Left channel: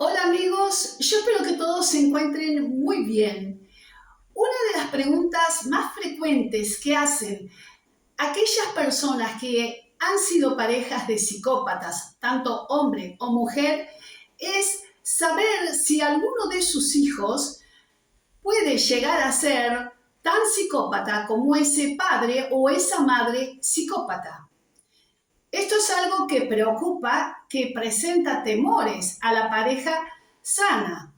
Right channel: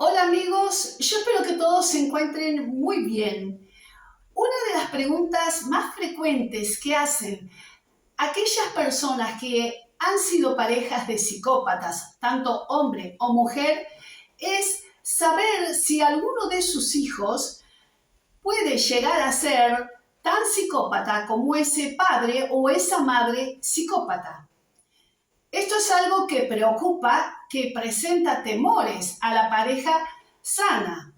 Hola amigos, yo espero que todos se encuentren muy bien. Una de las preguntas más frecuentes que hacen aquellas personas que han sido parejas de psicópatas, tanto hombre o mujer, es saber si alguno de sus hijos puede llegar a ser tan psicópata como ese padre o esa madre psicópata. Esto es algo que preocupa, que presenta temores a la pareja sana.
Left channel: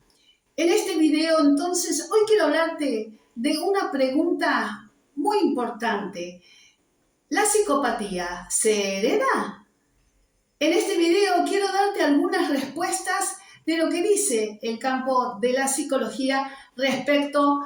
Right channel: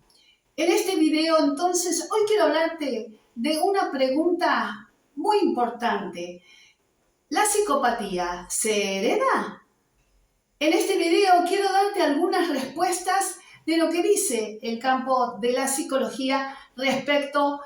En este video, entonces, hoy quiero hablarte de una pregunta muy importante. ¿La psicopatía se hereda? En este video quiero darte algunas respuestas de lo que dice el campo de la psicología respecto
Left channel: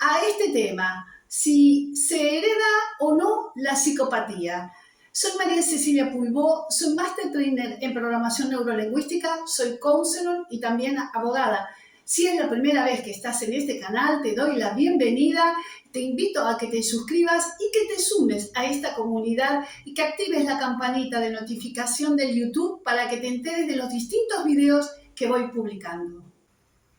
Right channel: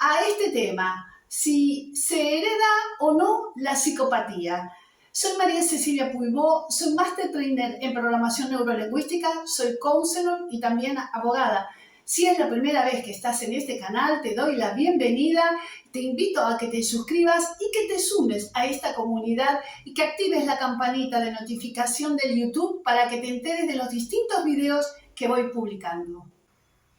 a este tema, si se hereda o no la psicopatía. Soy María Cecilia Puibó, soy Master Trainer en Programación Neurolingüística, soy counselor y también abogada. Si es la primera vez que estás en este canal, te doy la bienvenida, te invito a que te suscribas y que te sumes a esta comunidad y que actives la campanita de notificación del YouTube para que te enteres de los distintos videos que voy publicando.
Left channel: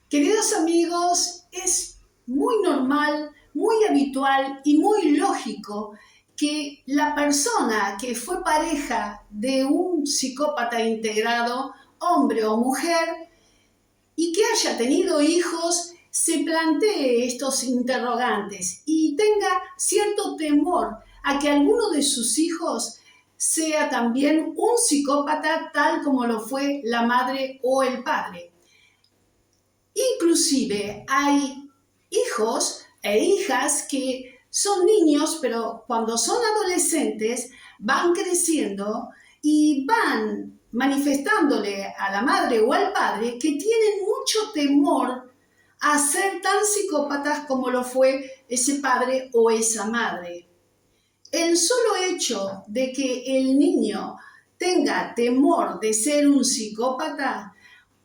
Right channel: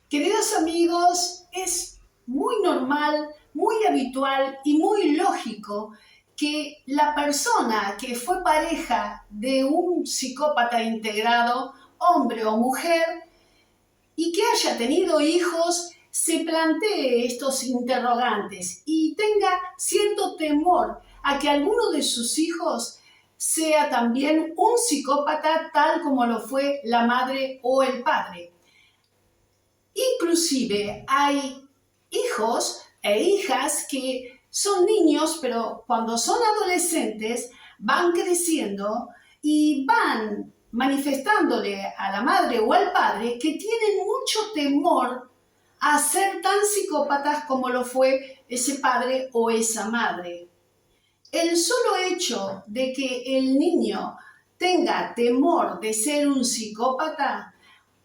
Queridos amigos, es muy normal, muy habitual y muy lógico que la persona que fue pareja de un psicópata integrado, hombre o mujer, y que haya tenido hijos, se plantee estos interrogantes y tenga cierto temor a que alguno de sus hijos sea también un psicópata tal como lo fue la madre o el padre. Inclusive hay hijos e hijas que son niños, pero cuando son adolescentes van creciendo y van manifestándole a la madre o al padre que tienen mucho temor a ser tan psicópatas como lo fue ese padre o esa madre. El solo hecho de que el niño tenga temor de ser un psicópata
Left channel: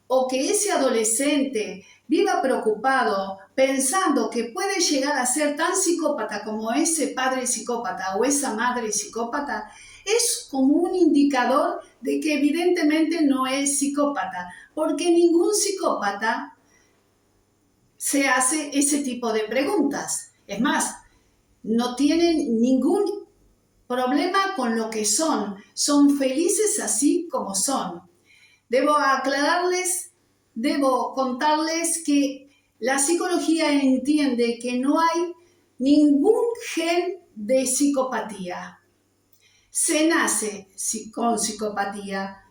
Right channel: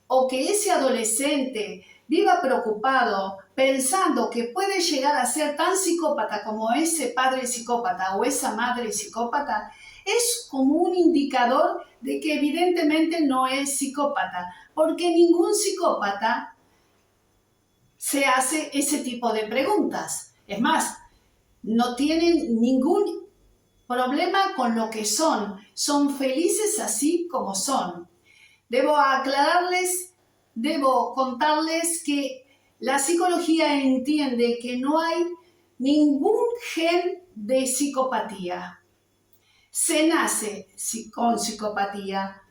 o que ese adolescente viva preocupado pensando que puede llegar a ser tan psicópata como ese padre psicópata o esa madre psicópata, es como un indicador de que evidentemente no es psicópata, porque ningún psicópata se hace ese tipo de preguntas. Es más, no tienen ningún problema con lo que son felices así como son. Debo aclararles, debo contarles que la psicología entiende que no hay ningún gen de psicopatía. Se nace con psicopatía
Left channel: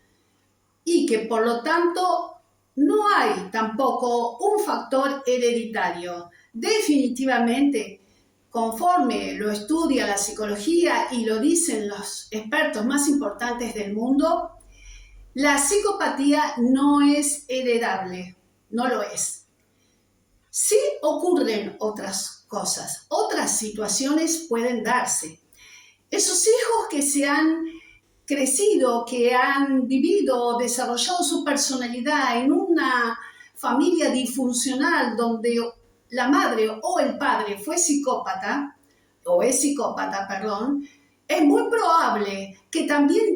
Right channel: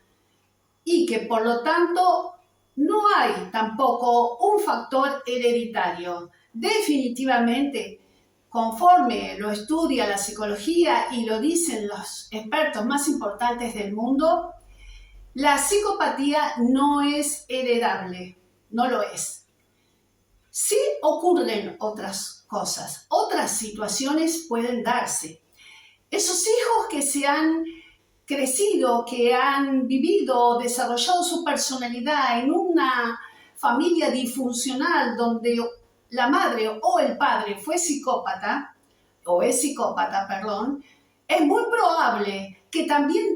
y que por lo tanto no hay tampoco un factor hereditario. Definitivamente, conforme lo estudia la psicología y lo dicen los expertos más importantes del mundo, la psicopatía no es heredable, no lo es. Sí ocurren otras cosas, otras situaciones pueden darse. Esos hijos que se han crecido, que han vivido, desarrollado su personalidad en una familia disfuncional donde la madre o el padre fue psicópata, o es psicópata, perdón, es muy probable que también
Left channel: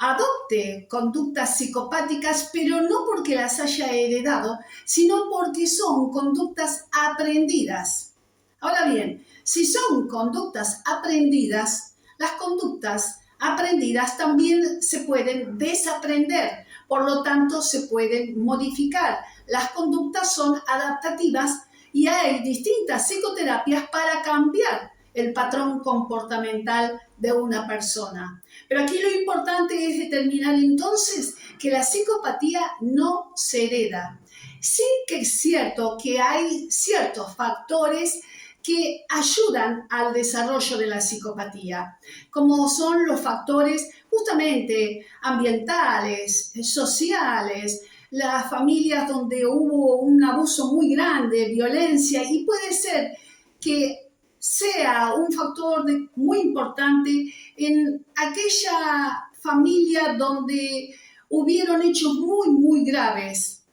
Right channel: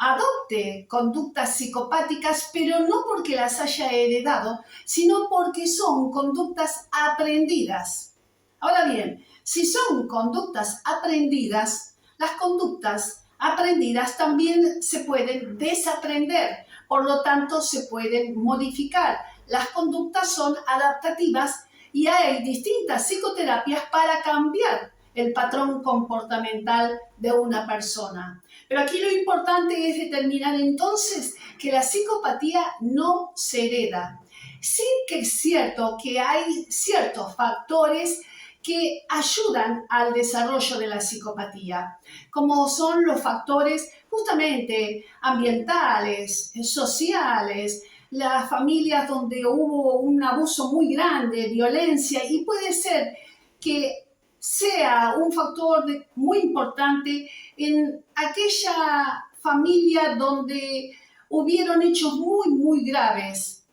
adopte conductas psicopáticas, pero no porque las haya heredado, sino porque son conductas aprendidas. Ahora bien, si son conductas aprendidas, las conductas aprendidas también se pueden desaprender, por lo tanto se pueden modificar. Las conductas son adaptativas y hay distintas psicoterapias para cambiar el patrón comportamental de una persona. Pero aquí lo importante es determinar entonces que la psicopatía no se hereda. Sí que es cierto que hay ciertos factores que ayudan al desarrollo de la psicopatía, como son los factores justamente ambientales, sociales, las familias donde hubo un abuso muy grande, violencia, y puede ser que sea un factor muy importante en aquella familia donde hubieron hechos muy graves.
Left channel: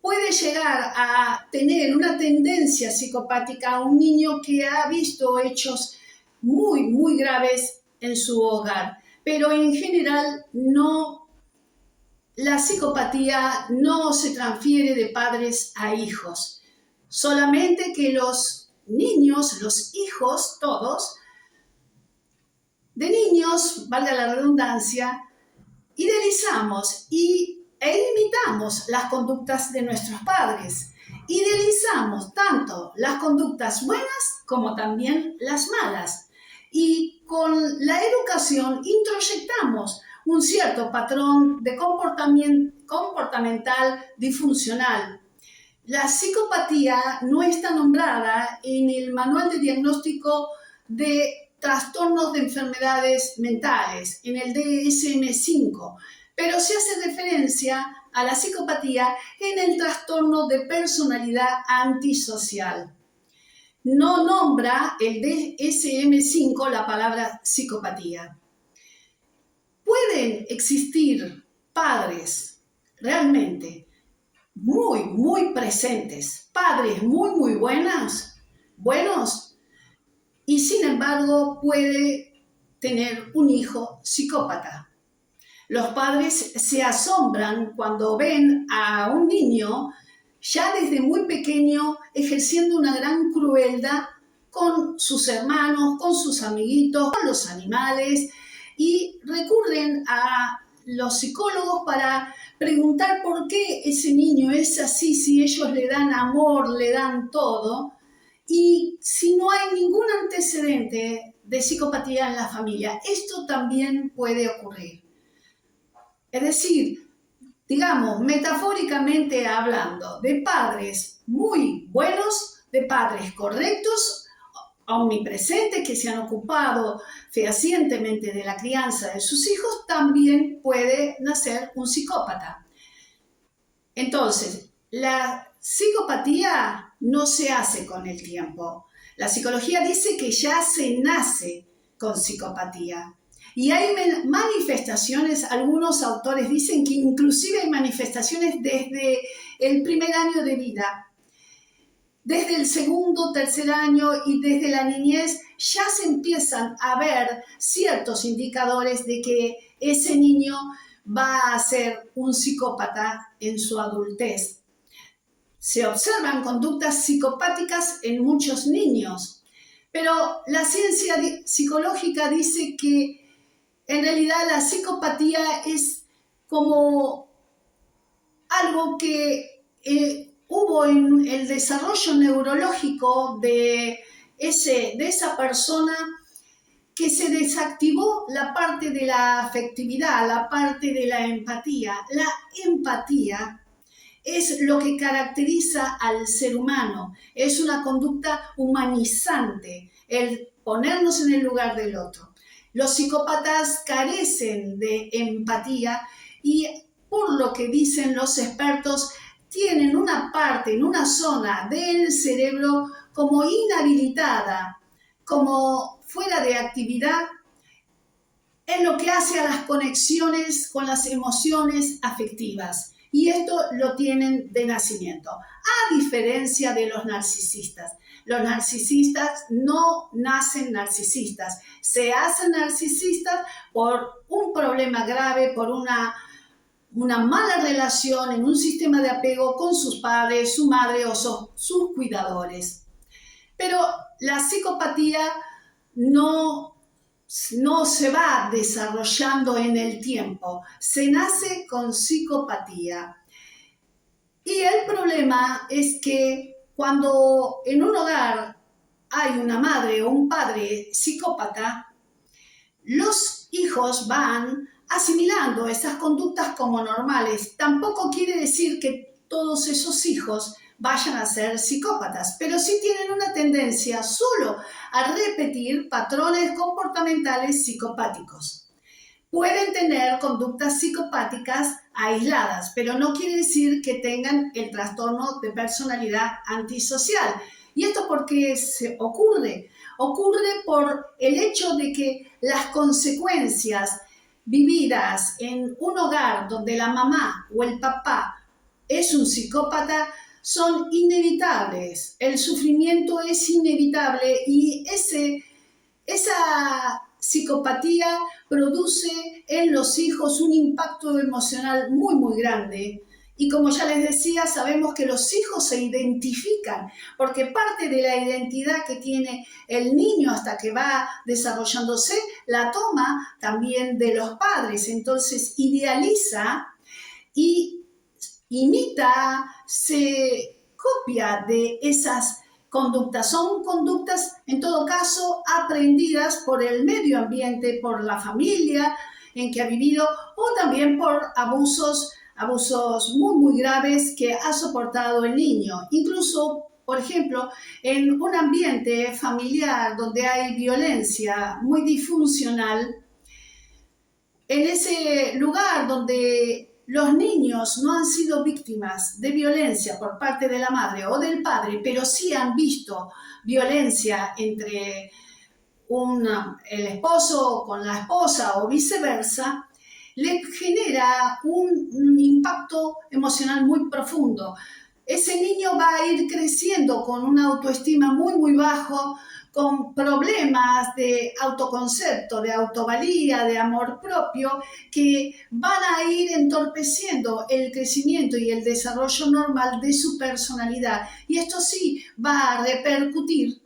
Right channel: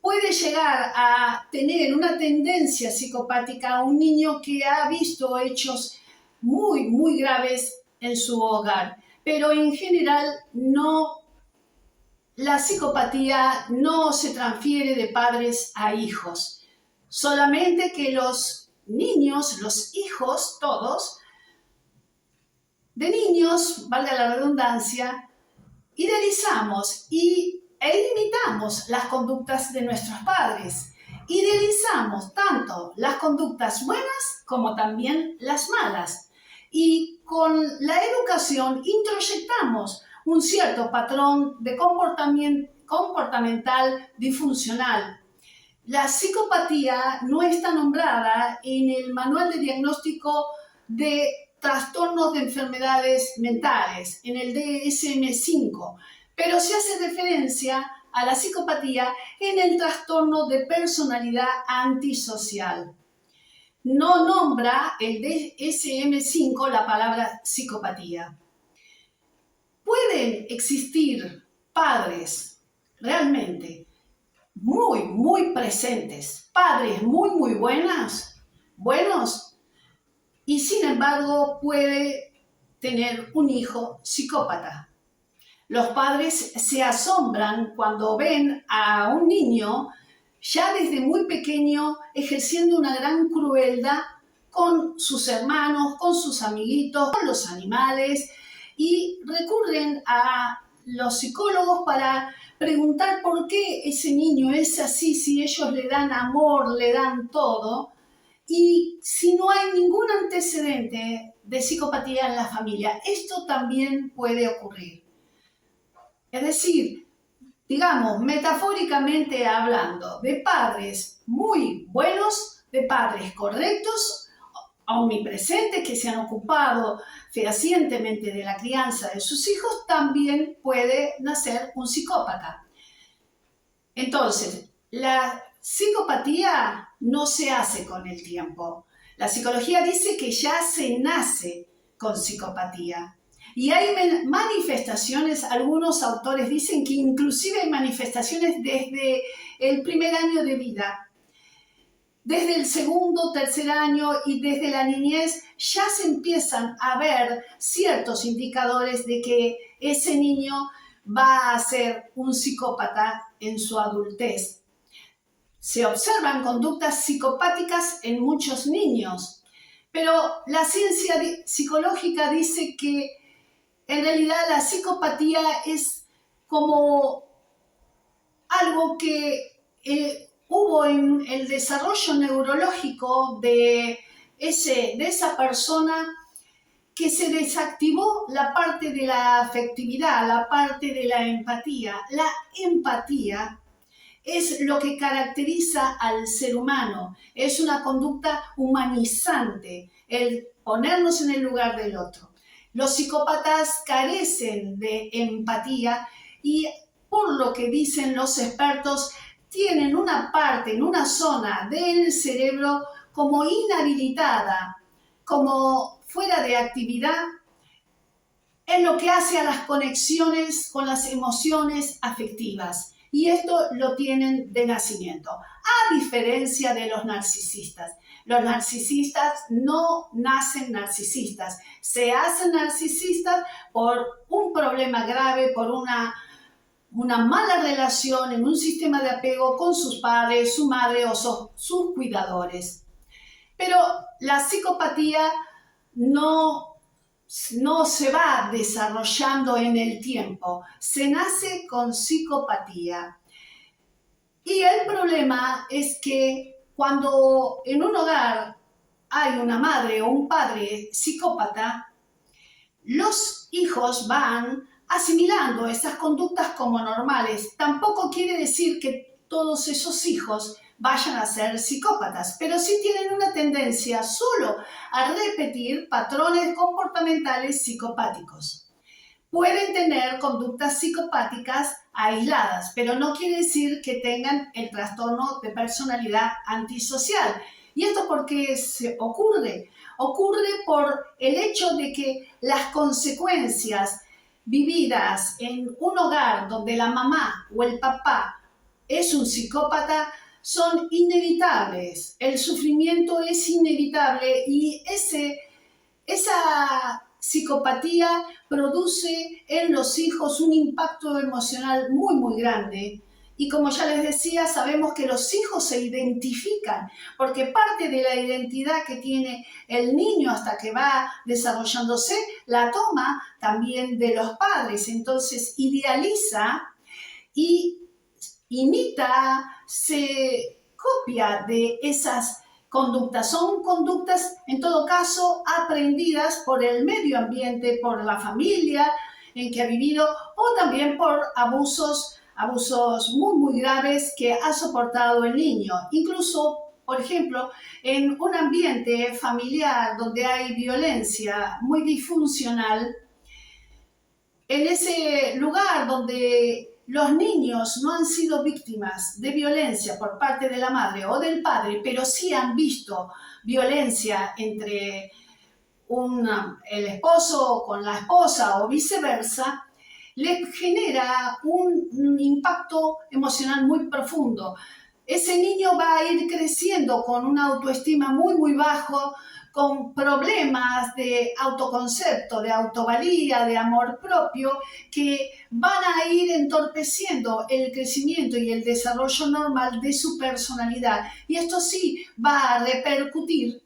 Puede llegar a tener una tendencia psicopática a un niño que ha visto hechos muy graves en su hogar, pero en general no la psicopatía no se transfiere de padres a hijos, solamente que los niños, los hijos, todos, de niños, valga la redundancia, idealizamos e imitamos las conductas de nuestros padres. Idealizamos tanto las conductas buenas como también las malas. Y con la educación introyectamos un cierto patrón de comportamental disfuncional. La psicopatía no está nombrada en el Manual de Diagnóstico de Trastornos de Enfermedades Mentales, en el DSM-5, pero se hace referencia a la psicopatía en el trastorno de personalidad antisocial. No nombra el DSM-5 la palabra psicopatía. Pueden existir padres realmente muy presentes, padres muy buenos, y sin embargo puede tener un hijo psicópata. Los padres se asombran cuando ven a un niño ya desde muy pequeño ejerciendo una gran crueldad con sus hermanos, con sus amiguitos, con los animales, y recurren a los psicólogos para preguntar por qué ese niño es así, si ellos le dan amor, le dan todo, y si no hay ningún antecedente de psicopatía en la familia. Esto también puede ocurrir. Es decir, digamos, metafóricamente hablando, de padres muy buenos, de padres correctos, omnipresentes, que se han ocupado fehacientemente de la crianza de sus hijos, también puede nacer un psicópata. Entonces, la psicopatía no se hace con el tiempo. La psicología dice que ya se nace con psicopatía. Y hay manifestaciones, algunos autores dicen que inclusive hay manifestaciones desde el primer año de vida. Desde el segundo, tercer año y desde la niñez ya se empiezan a ver ciertos indicadores de que ese niño va a ser un psicópata en su adultez. Se observan conductas psicopáticas en muchos niños, pero la ciencia psicológica dice que en realidad la psicopatía es como algo que hubo en el desarrollo neurológico de esa persona, que se desactivó la parte de la afectividad, la parte de la empatía. La empatía es lo que caracteriza al ser humano, es una conducta humanizante, el ponernos en el lugar del otro. Los psicópatas carecen de empatía y, por lo que dicen los expertos, tienen una parte, en una zona del cerebro como inhabilitada, como fuera de actividad, en lo que hace a las conexiones con las emociones afectivas. Y esto lo tienen de nacimiento, a diferencia de los narcisistas. Los narcisistas no nacen narcisistas, se hacen narcisistas por un problema grave, por una mala relación en un sistema de apego con sus padres, su madre o sus cuidadores. Pero la psicopatía no se va desarrollando en el tiempo, se nace con psicopatía. Y el problema es que cuando en un hogar hay una madre o un padre psicópata, los hijos van asimilando esas conductas como normales. Tampoco quiere decir que todos esos hijos vayan a ser psicópatas, pero sí tienen una tendencia solo a repetir patrones comportamentales psicopáticos. Pueden tener conductas psicopáticas aisladas, pero no quiere decir que tengan el trastorno de personalidad antisocial. ¿Y esto por qué se ocurre? Ocurre por el hecho de que las consecuencias vividas en un hogar donde la mamá o el papá es un psicópata son inevitables. El sufrimiento es inevitable y esa psicopatía produce en los hijos un impacto emocional muy, muy grande. Y como ya les decía, sabemos que los hijos se identifican, porque parte de la identidad que tiene el niño hasta que va desarrollándose, la toma también de los padres. Entonces idealiza y imita, se copia de esas conductas. Son conductas, en todo caso, aprendidas por el medio ambiente, por la familia en que ha vivido, o también por abusos muy, muy graves que ha soportado el niño. Incluso, por ejemplo, en un ambiente familiar donde hay violencia muy disfuncional, en ese lugar donde los niños no han sido víctimas de violencia por parte de la madre o del padre, pero sí han visto violencia entre el esposo con la esposa o viceversa, le genera un impacto emocional muy profundo. Ese niño va a ir creciendo con una autoestima muy, muy bajo, con problemas de autoconcepto, de autovalía, de amor propio, que van a ir entorpeciendo el crecimiento y el desarrollo normal de su personalidad. Y esto sí va a repercutir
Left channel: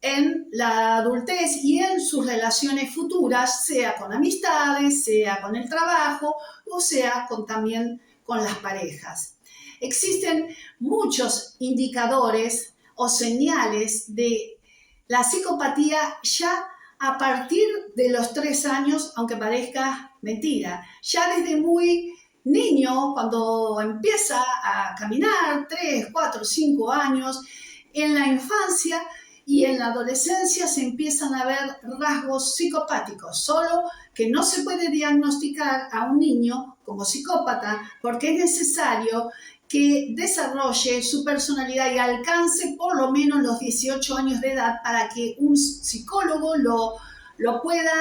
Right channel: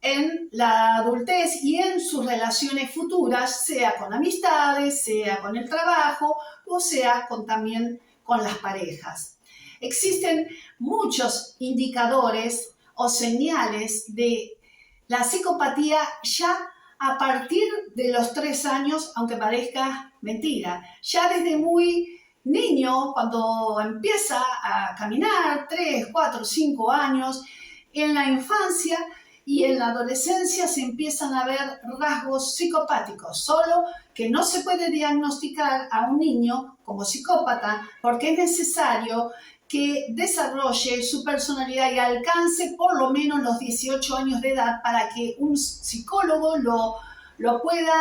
en la adultez y en sus relaciones futuras, sea con amistades, sea con el trabajo o sea también con las parejas. Existen muchos indicadores o señales de la psicopatía ya a partir de los 3 años, aunque parezca mentira. Ya desde muy niño, cuando empieza a caminar, 3, 4, 5 años, en la infancia y en la adolescencia se empiezan a ver rasgos psicopáticos, solo que no se puede diagnosticar a un niño como psicópata porque es necesario que desarrolle su personalidad y alcance por lo menos los 18 años de edad para que un psicólogo lo pueda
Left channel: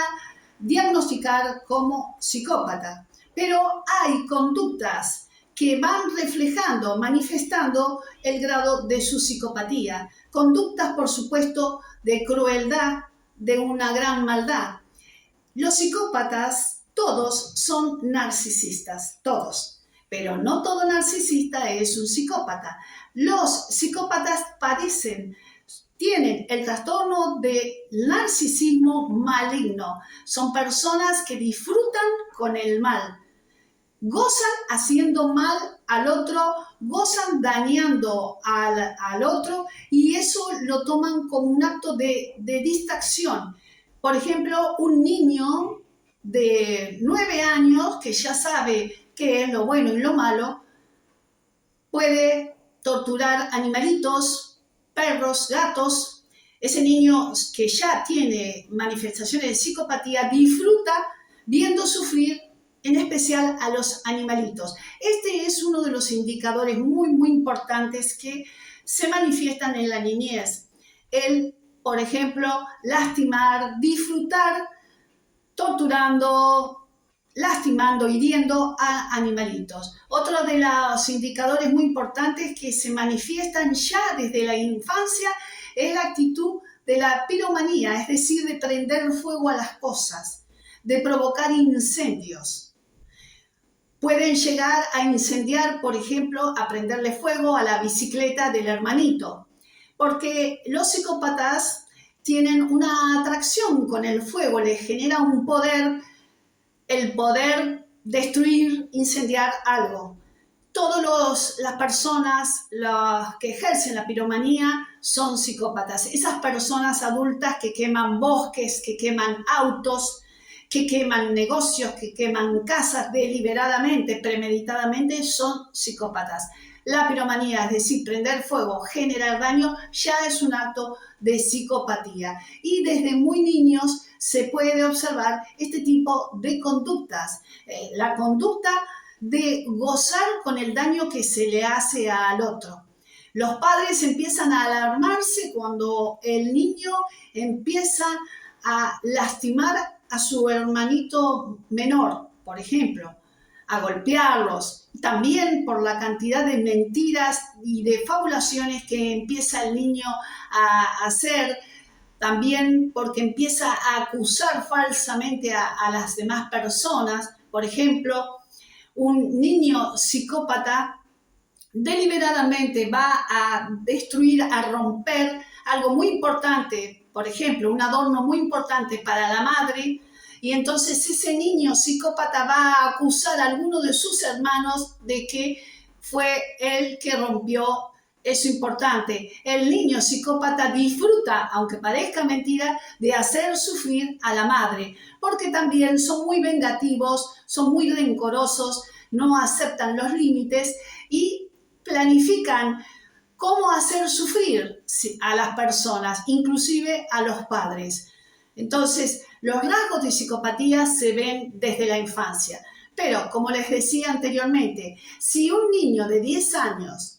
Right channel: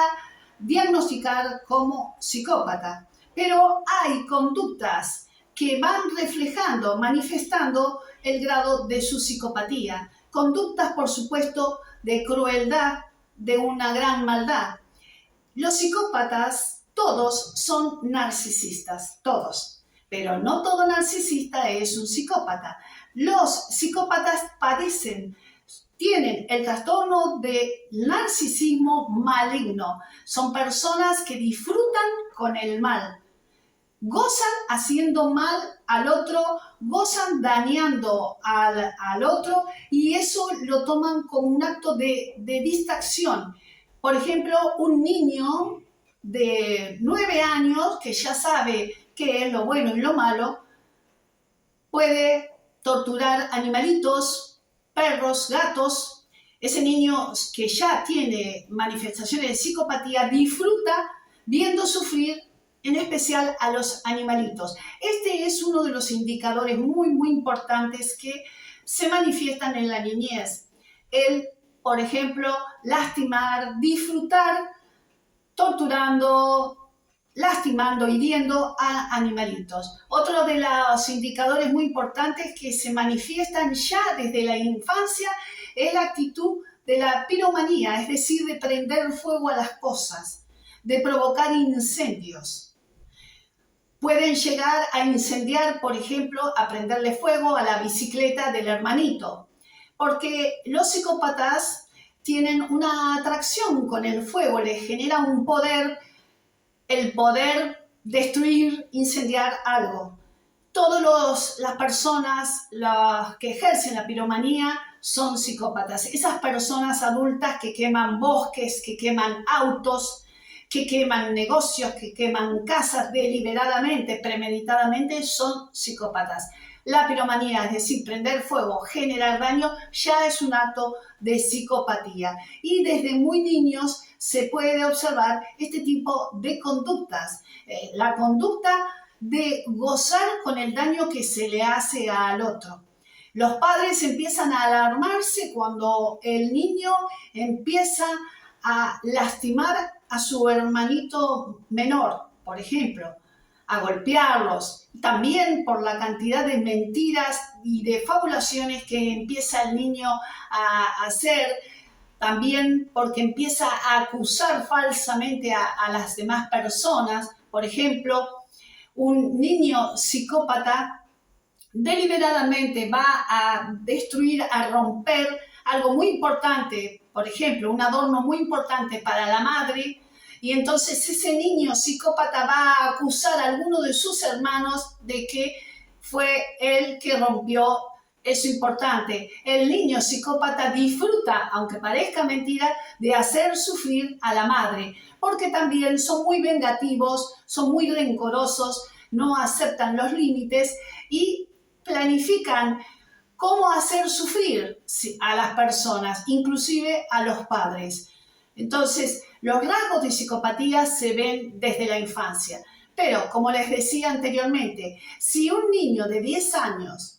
diagnosticar como psicópata. Pero hay conductas que van reflejando, manifestando el grado de su psicopatía. Conductas, por supuesto, de crueldad, de una gran maldad. Los psicópatas, todos son narcisistas, todos. Pero no todo narcisista es un psicópata. Los psicópatas tienen el trastorno de narcisismo maligno. Son personas que disfrutan con el mal. Gozan haciendo mal al otro, gozan dañando al otro y eso lo toman como un acto de distracción. Por ejemplo, un niño de 9 años que ya sabe qué es lo bueno y lo malo, puede torturar animalitos, perros, gatos. Ese niño que ya tiene manifestaciones de psicopatía disfruta viendo sufrir en especial a los animalitos. Este es uno de los indicadores muy, muy importantes que se manifiestan en la niñez. El, por ejemplo, lastimar, disfrutar, torturando, lastimando, hiriendo a animalitos. Otro de los indicadores muy importantes que se manifiestan ya desde la infancia es la actitud de la piromanía, es decir, de prender fuego a las cosas, de provocar incendios. Pueden llegar a incendiar, por ejemplo, a prenderle fuego a la bicicleta del hermanito, porque los psicópatas tienen una atracción con el fuego, les genera un poder, el poder destruir, incendiar algo. Todas las personas que ejercen la piromanía son psicópatas. Esas personas adultas que queman bosques, que queman autos, que queman negocios, que queman casas deliberadamente, premeditadamente, son psicópatas. La piromanía, es decir, prender fuego, generar daño, ya es un acto de psicopatía. Y desde muy niños se puede observar este tipo de conductas. La conducta de gozar con el daño que se le hace al otro. Los padres empiezan a alarmarse cuando el niño empieza a lastimar a su hermanito menor, por ejemplo, a golpearlos, también por la cantidad de mentiras y de fabulaciones que empieza el niño a hacer, también porque empieza a acusar falsamente a las demás personas. Por ejemplo, un niño psicópata deliberadamente va a destruir, a romper algo muy importante, por ejemplo, un adorno muy importante para la madre, y entonces ese niño psicópata va a acusar a alguno de sus hermanos de que fue él que rompió eso importante. El niño psicópata disfruta, aunque parezca mentira, de hacer sufrir a la madre, porque también son muy vengativos, son muy rencorosos, no aceptan los límites y planifican cómo hacer sufrir a las personas, inclusive a los padres. Entonces, los rasgos de psicopatía se ven desde la infancia. Pero, como les decía anteriormente, si un niño de 10 años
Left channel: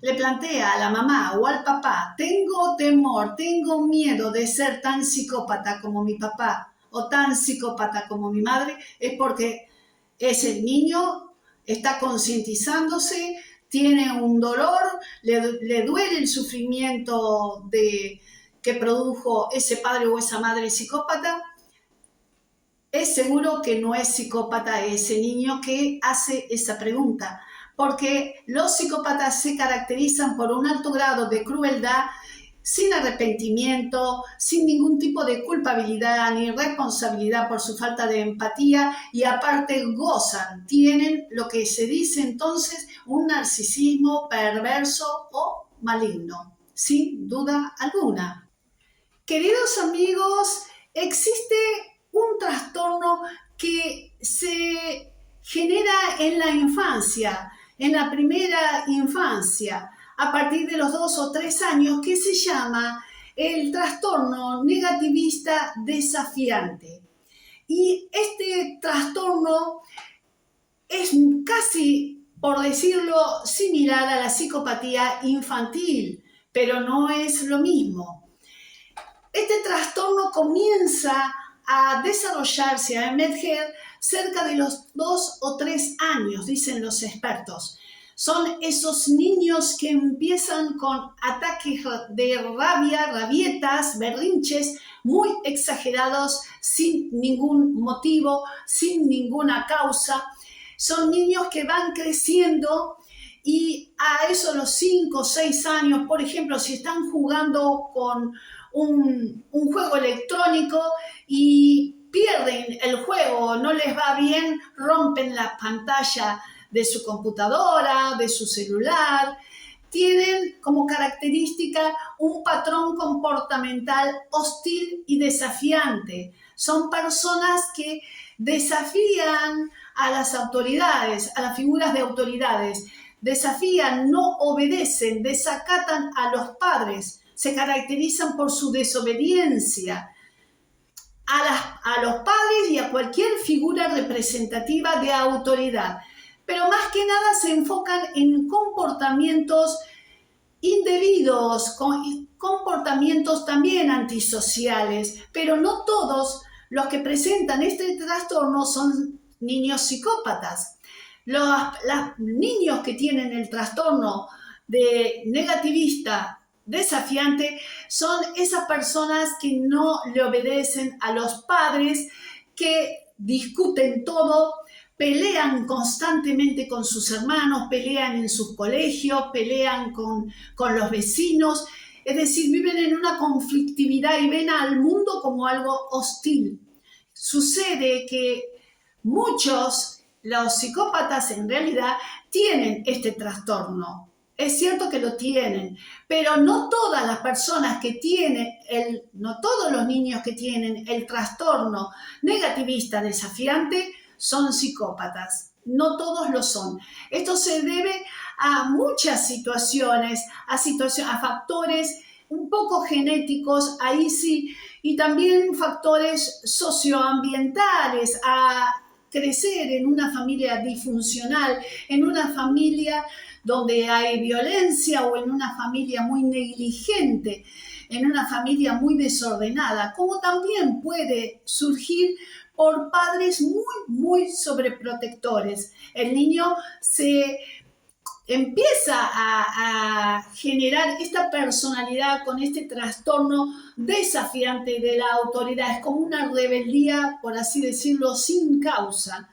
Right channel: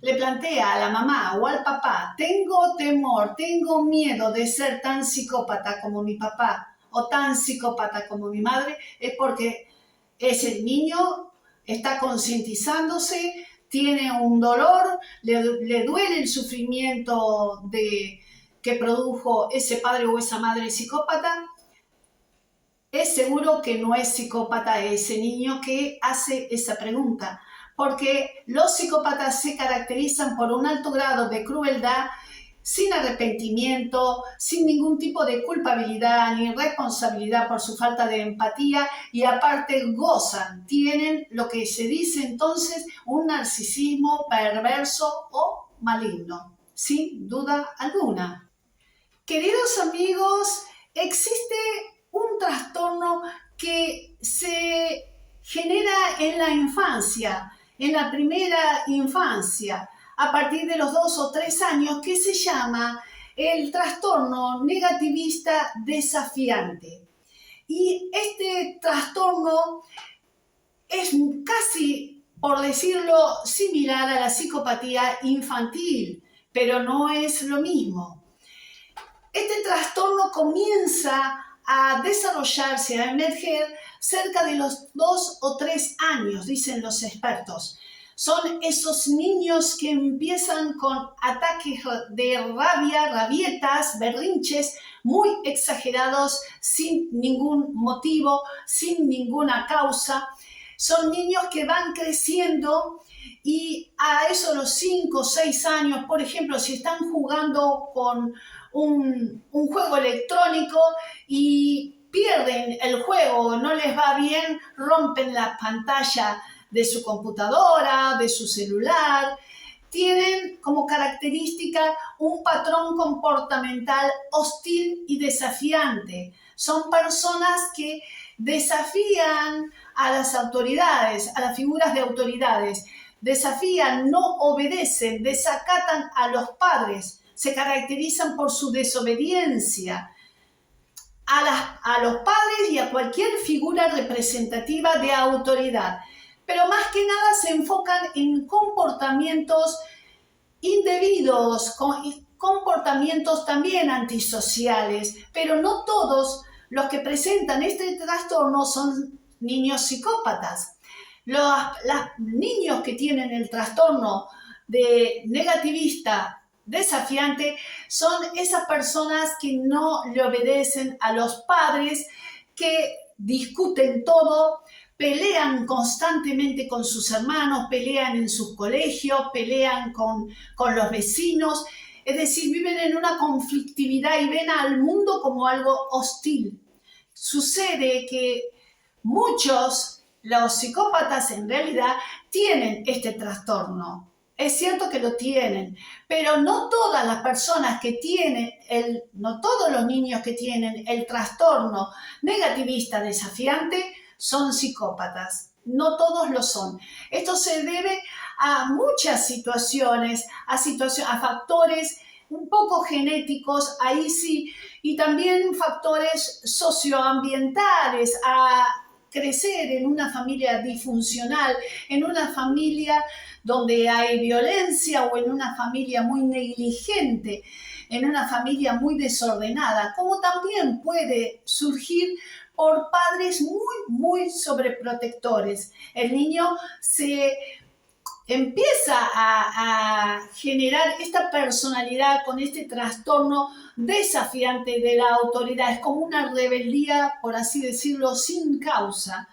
le plantea a la mamá o al papá, tengo temor, tengo miedo de ser tan psicópata como mi papá o tan psicópata como mi madre, es porque ese niño está concientizándose, tiene un dolor, le duele el sufrimiento que produjo ese padre o esa madre psicópata. Es seguro que no es psicópata ese niño que hace esa pregunta, porque los psicópatas se caracterizan por un alto grado de crueldad, sin arrepentimiento, sin ningún tipo de culpabilidad ni responsabilidad por su falta de empatía, y aparte gozan, tienen lo que se dice entonces un narcisismo perverso o maligno, sin duda alguna. Queridos amigos, existe un trastorno que se genera en la infancia, en la primera infancia, a partir de los 2 o 3 años, que se llama el trastorno negativista desafiante. Y este trastorno es casi, por decirlo, similar a la psicopatía infantil, pero no es lo mismo. Este trastorno comienza a desarrollarse, a emerger cerca de los 2 o 3 años, dicen los expertos. Son esos niños que empiezan con ataques de rabia, rabietas, berrinches muy exagerados, sin ningún motivo, sin ninguna causa. Son niños que van creciendo y a eso los 5 o 6 años, por ejemplo, si están jugando con un juego electrónico y pierden el juego, no les va bien, rompen la pantalla de su computadora, de su celular. Tienen como característica un patrón comportamental hostil y desafiante. Son personas que desafían a las autoridades, a las figuras de autoridades, desafían, no obedecen, desacatan a los padres, se caracterizan por su desobediencia a los padres y a cualquier figura representativa de autoridad. Pero más que nada se enfocan en comportamientos indebidos, comportamientos también antisociales, pero no todos los que presentan este trastorno son niños psicópatas. Los niños que tienen el trastorno de negativista desafiante son esas personas que no le obedecen a los padres, que discuten todo, pelean constantemente con sus hermanos, pelean en sus colegios, pelean con los vecinos, es decir, viven en una conflictividad y ven al mundo como algo hostil. Sucede que muchos, los psicópatas en realidad, tienen este trastorno. Es cierto que lo tienen, pero no todas las personas que tienen, no todos los niños que tienen el trastorno negativista desafiante son psicópatas. No todos lo son. Esto se debe a muchas situaciones, a factores un poco genéticos, ahí sí, y también factores socioambientales, a crecer en una familia disfuncional, en una familia donde hay violencia o en una familia muy negligente, en una familia muy desordenada, como también puede surgir por padres muy sobreprotectores. El niño se empieza a generar esta personalidad con este trastorno desafiante de la autoridad. Es como una rebeldía, por así decirlo, sin causa.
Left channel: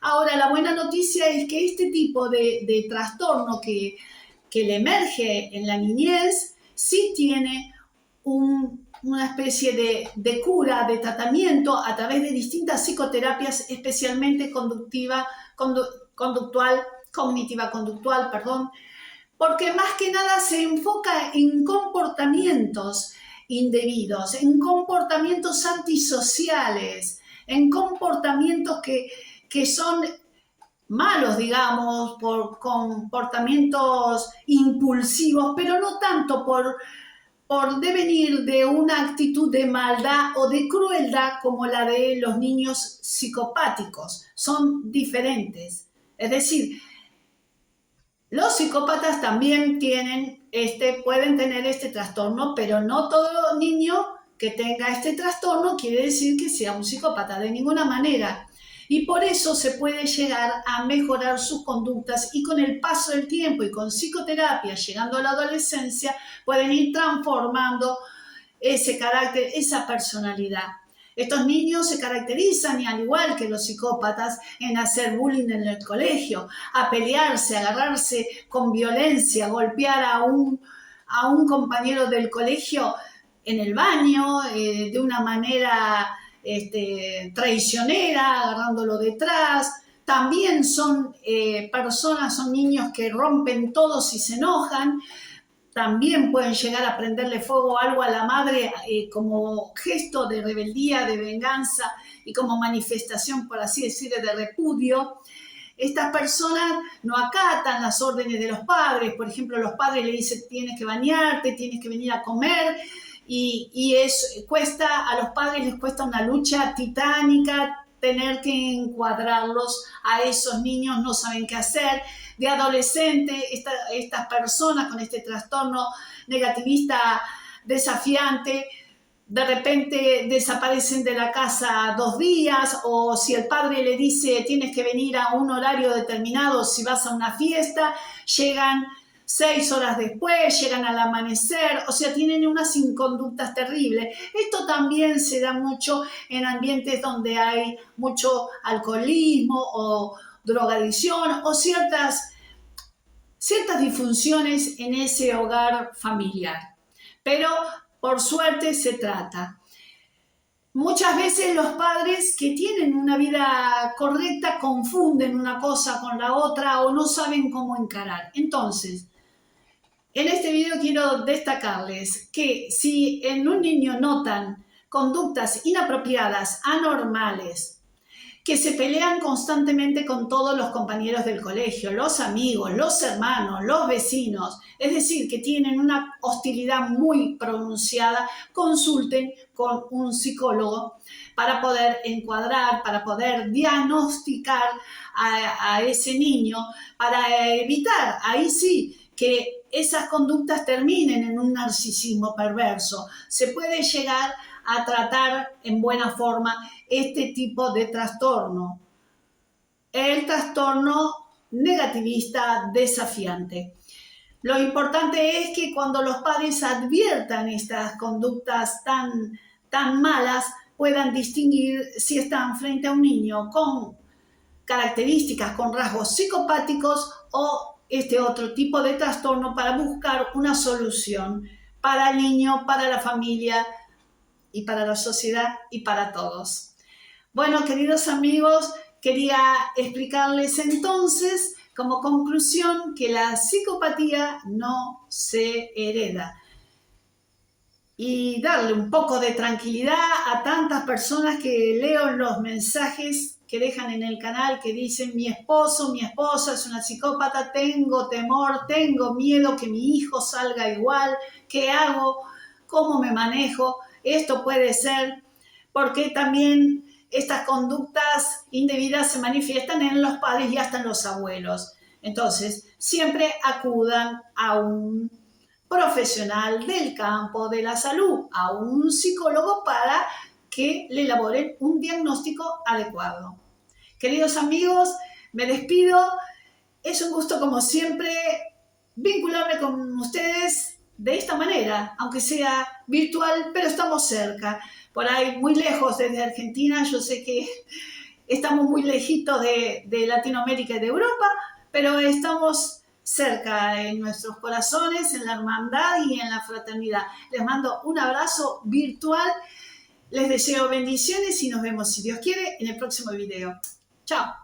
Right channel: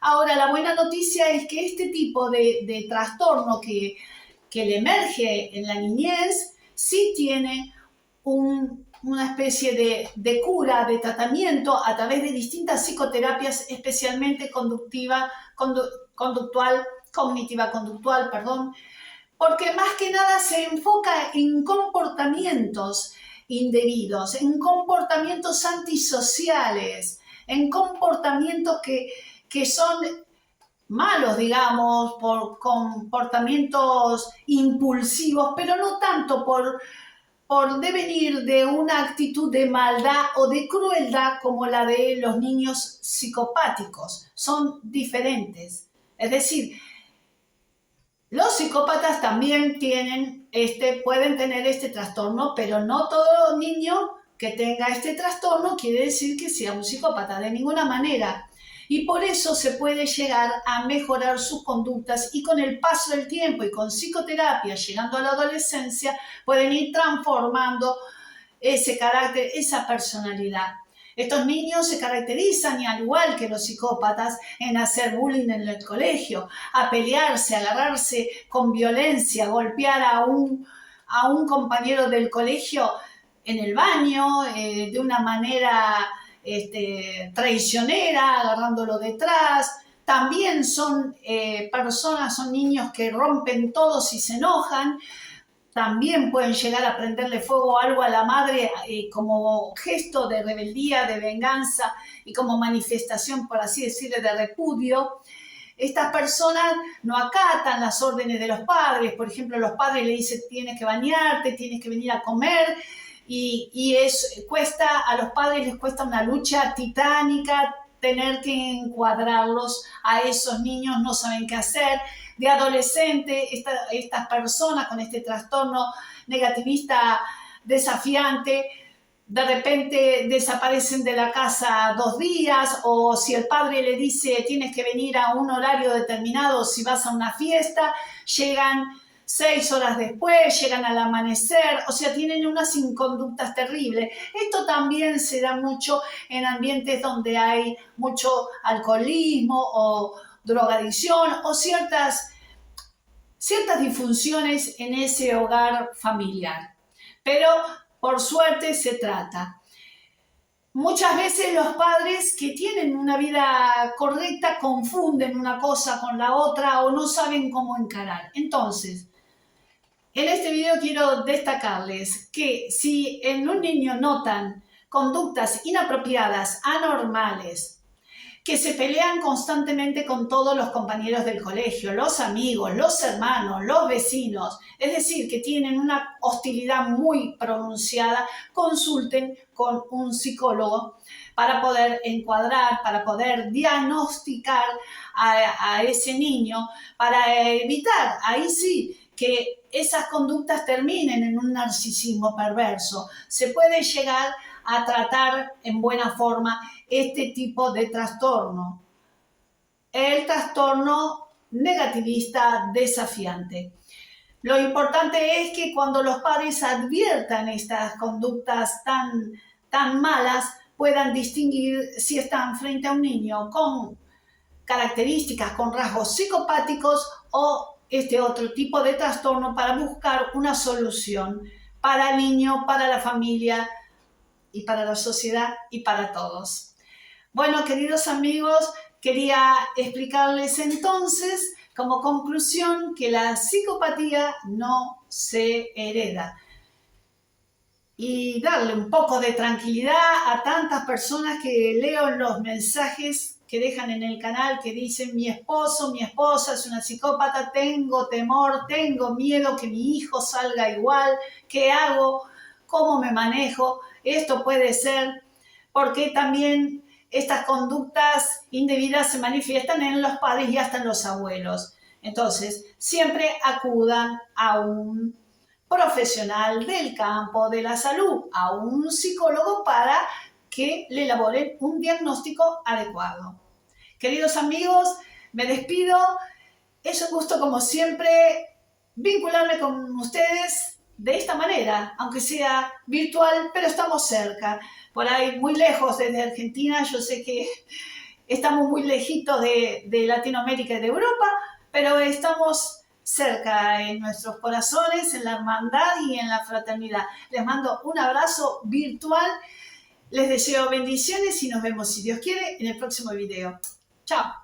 Ahora, la buena noticia es que este tipo de trastorno que le emerge en la niñez sí tiene una especie de cura, de tratamiento a través de distintas psicoterapias, especialmente conductual, cognitiva conductual, perdón, porque más que nada se enfoca en comportamientos indebidos, en comportamientos antisociales, en comportamientos que son malos, digamos, por comportamientos impulsivos, pero no tanto por devenir de una actitud de maldad o de crueldad como la de los niños psicopáticos. Son diferentes. Es decir, los psicópatas también pueden tener este trastorno, pero no todo niño que tenga este trastorno quiere decir que sea un psicópata, de ninguna manera. Y por eso se puede llegar a mejorar sus conductas y con el paso del tiempo y con psicoterapia, llegando a la adolescencia, pueden ir transformando ese carácter, esa personalidad. Estos niños se caracterizan, y al igual que los psicópatas, en hacer bullying en el colegio, a pelearse, a agarrarse con violencia, golpear a un compañero del colegio en el baño, de una manera traicionera, agarrándolo detrás. También son son niños que rompen todo si se enojan. También pueden llegar a prenderle fuego algo a la madre como gesto de rebeldía, de venganza y como manifestación, por así decirlo, de repudio. Estas personas no acatan las órdenes de los padres. Por ejemplo, los padres le dicen tienes que bañarte, tienes que venir a comer, y a los padres les cuesta una lucha titánica tener que encuadrarlos a esos niños, no saben qué hacer. De adolescente, estas personas con este trastorno negativista desafiante, de repente desaparecen de la casa 2 días, o si el padre le dice tienes que venir a un horario determinado si vas a una fiesta, llegan 6 horas después, llegan al amanecer, o sea, tienen unas inconductas terribles. Esto también se da mucho en ambientes donde hay mucho alcoholismo o drogadicción o ciertas disfunciones en ese hogar familiar. Pero por suerte se trata. Muchas veces los padres que tienen una vida correcta confunden una cosa con la otra o no saben cómo encarar. Entonces, en este video quiero destacarles que si en un niño notan conductas inapropiadas, anormales, que se pelean constantemente con todos los compañeros del colegio, los amigos, los hermanos, los vecinos, es decir, que tienen una hostilidad muy pronunciada, consulten con un psicólogo para poder encuadrar, para poder diagnosticar a ese niño, para evitar, ahí sí, que esas conductas terminen en un narcisismo perverso. Se puede llegar a tratar en buena forma este tipo de trastorno, el trastorno negativista desafiante. Lo importante es que cuando los padres adviertan estas conductas tan malas, puedan distinguir si están frente a un niño con características, con rasgos psicopáticos o este otro tipo de trastorno, para buscar una solución para el niño, para la familia y para la sociedad y para todos. Bueno, queridos amigos, quería explicarles entonces como conclusión que la psicopatía no se hereda y darle un poco de tranquilidad a tantas personas que leo los mensajes que dejan en el canal que dicen mi esposo, mi esposa es una psicópata, tengo temor, tengo miedo que mi hijo salga igual, ¿qué hago? ¿Cómo me manejo? Esto puede ser porque también estas conductas indebidas se manifiestan en los padres y hasta en los abuelos. Entonces, siempre acudan a un profesional del campo de la salud, a un psicólogo, para que le elaboren un diagnóstico adecuado. Queridos amigos, me despido Es un gusto, como siempre, vincularme con ustedes de esta manera, aunque sea virtual, pero estamos cerca. Por ahí, muy lejos desde Argentina, yo sé que estamos muy lejitos de Latinoamérica y de Europa, pero estamos cerca en nuestros corazones, en la hermandad y en la fraternidad. Les mando un abrazo virtual, les deseo bendiciones y nos vemos, si Dios quiere, en el próximo video. Chao.